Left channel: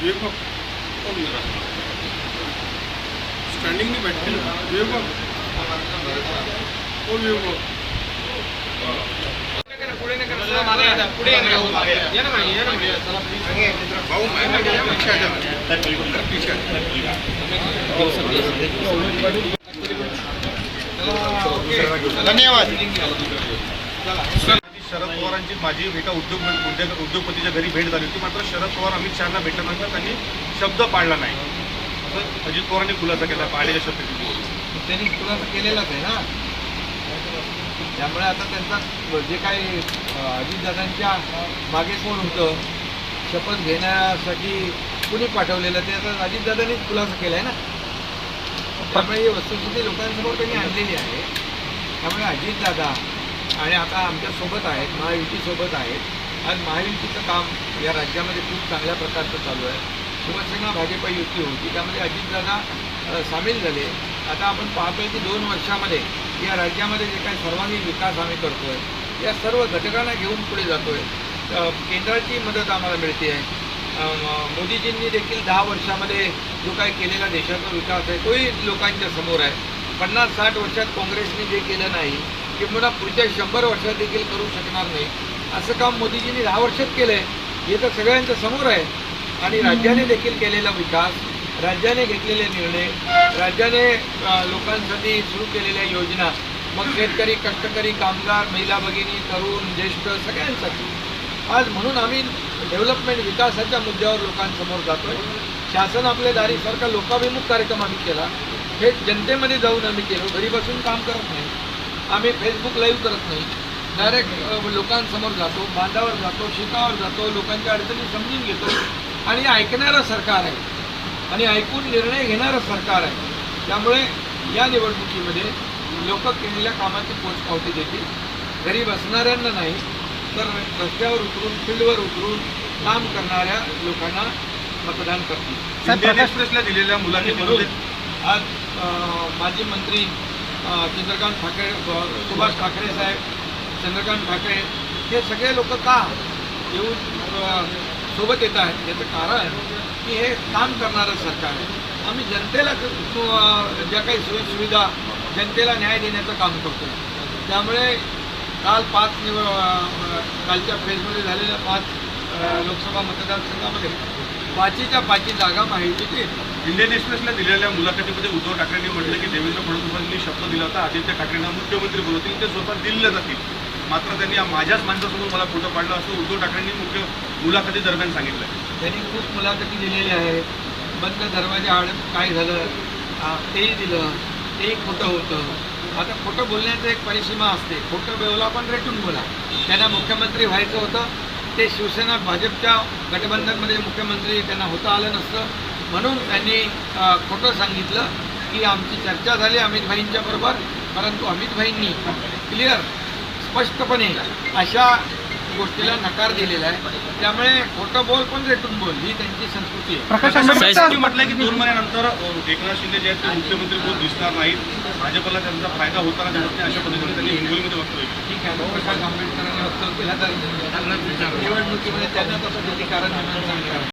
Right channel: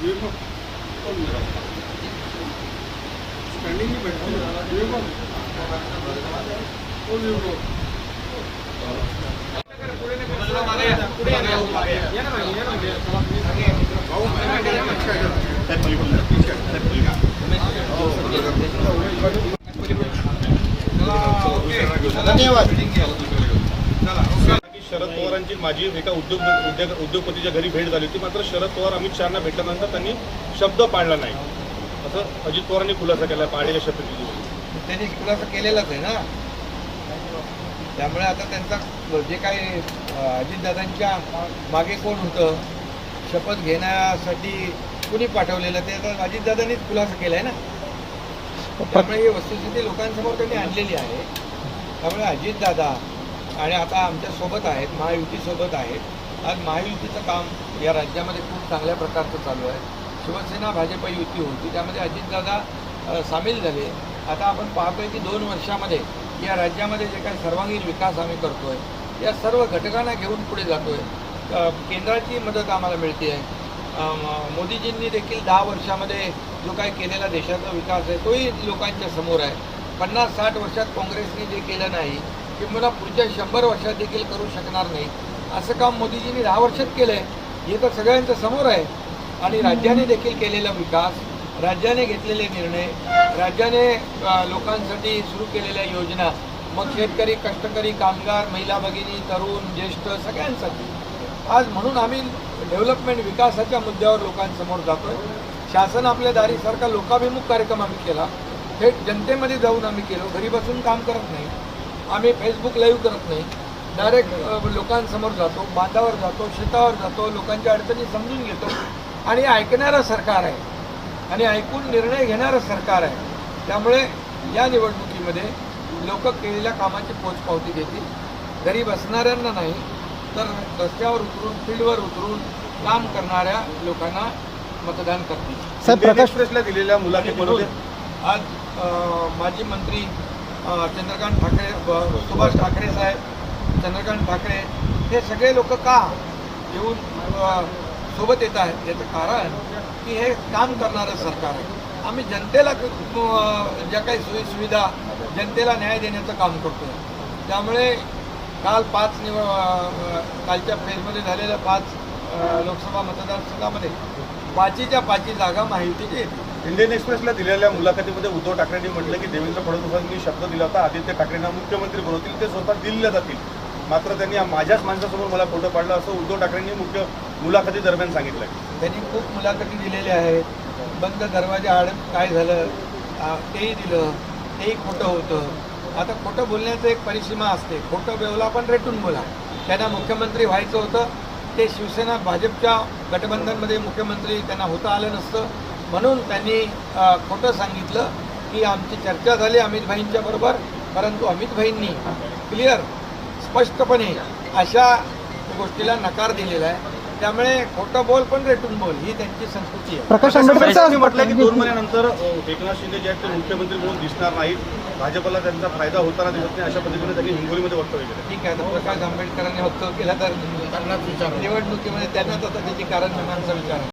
द्वेभाग करून राहतात स्टँडिंगने भेटतील द्वेभाग तो द्वेभाग भाऊ धन्यवाद माझी एका उद्योग उद्योग उद्योगपतीच्या घरी भेट झाली होती मात्र शरद पवार अमित शहाना भेटल्यानंतर त्यांनी शब्द पाळला नाही असं अजित पवारांनी खुलासा केला पाळण्याच्या शब्द त्यांनी खुलासा केलेलाच आहे ना त्यामुळे आता त्यांचा जे काही अजितदादांच्या मागे कोण होतं शपथ घेण्यासाठी कुणी पाठवलेलं ते आता अजितदादांनीच खुलासा केला आहे ना त्यामुळे ही वस्तुस्थिती लोकांसमोर त्यांनी आणलेली आहे त्यामुळे अजितदादा आणि आता आमच्यासोबत आहेत महायुतीसोबत आहेत आणि महायुतीचं काम या राज्यामध्ये खूप चांगल्या प्रकारचं चालू आहे शिवसेना भाजप युती होती त्यामध्ये अजितदादा सामील झाले आता आपण पाहतोय की दोन वर्षामध्ये या राज्यामध्ये जे काही सर्वांगीण विकास आम्ही करतो आहे या सर्व घटकांना घेऊन पुढे जातो आहे केंद्राची मदत आम्हाला मिळते आहे मोदीजींनी देखील दहा वर्षामध्ये जो काय केलेला देशाचा विकास आहे तोही लोकांच्या समोर आहे पन्नास साठ वर्षात काँग्रेसने जे केलं नाही किंवा पुढच्या शंभर वर्षात देखील करू शकणार नाही असं काम मोदीजींनी दहा वर्षात केलं आहे हे तर सगळ्यांच्या समोर आहे आणि राज्याने देखील केलेला विकास राज्याने घेतलेले निर्णय राज्याने लोकांसाठी सुरू केलेल्या योजना मग शेतकरी कष्टकरी कामगार महिला भगिनी तरुण ज्येष्ठ सगळ्यांसाठी आज म्हणून आम्ही डेव्हलपमेंट विकासाच्या मुद्द्यावर लोकांसमोर जातोय शासन आपल्या दारीसारखा लोकाभिमुख कार्यक्रम आम्ही केला हे जनतेमध्ये जाऊन आम्ही केलो घरी बसून काम करत नाही आम्ही फेसबुक लाईव्ह करत नाही डायरेक्ट लोकांसमोर जातो बांधावर जातो शेतावर जातो लोकांच्या अडचणी समजून घेतो आणि ऐकणारं सरकार आहे आणि ऐकून निर्णय घेणारं सरकार आहे त्यामुळे या निवडणुकीमध्ये लोक केलेल्या कामाची पोचपावती देतील गरीब असणाऱ्यांना नाही तर रस्त्यावर उतरून फील्डवर उतरून काम करणाऱ्या लोकांना मतदान करतील दिलेल्या मुलाखतीमध्ये आज माजी मंत्री चंद्रकांत ठाकरे सुभाष ठाकरे साहेब चंद्रकांत ठाकरे हे सगळे लोक का येऊन सोबत येत आहेत याचं कारण की हे काम करणारं सरकार आहे आम्ही जनतेला ज्या काही सोयी सुविधा जनतेला न्याय देण्याचं काम करतो त्यामुळे काल पाच निव कालच्या फेजमध्ये झालेल्या पाच लोकसभा मतदारसंघामध्ये पाचीच्या पाची जागा माहिती घेतली इंडियन एक्सप्रेसला दिलेल्या मुलाखतीमध्ये उद्धव ठाकरेंनी म्हटलं की देवेंद्र फडणवीसांनी शब्द दिला होता आदित्य ठाकरेंना मुख्यमंत्री बनवतील ते स्वतः दिल्ली जातील मात्र त्यांनी माझ्याच माणसासमोर मला फोटो काढला असं उद्धव ठाकरेंनी मुख्य मुलाखती दरम्यान सांगितलं त्यांनी खूप मुलाखती दिलेल्या आहेत बंद दरवाजा आड काय झालं तेही दिलं तेही खोटं होतं आता खोटं बोलण्याचं एक परिसीमा असते खोटं बेवला पण रेटून बोला त्यांना मुख्यमंत्री व्हायचं होतं ते शिवसेना भाजपच्या गठबंधनमध्ये मुख्यमंत्री त्यांना होता आलं नसतं म्हणून त्यांनी खोटं सांगितलं की आमची चर्चा झाली अमितभाईंच्या बरोबर परंतु अमितभाईंनी क्लिअर स्पष्टपणे अशा गोष्टीला नकार दिलेला आहे त्यामुळे खोटं बोल पण रेटून बोल ही त्यांची संस्कृती आहे प्रकाश आंबेडकर म्हटलं की दोन महिन्यानंतर एकनाथ शिंदे जे आहेत मुख्यमंत्री बोल दिसणार नाहीत भाजपला त्यांचा फायदा होताना अशा पद्धतीने त्यांनी हिंगोलीमध्ये वक्तव्य केलं ठीक आहे प्रकाश आंबेडकरांना वक्तव्य केला तर निवडणुकीमध्ये त्यांनाच असं त्याची कारण निर्माण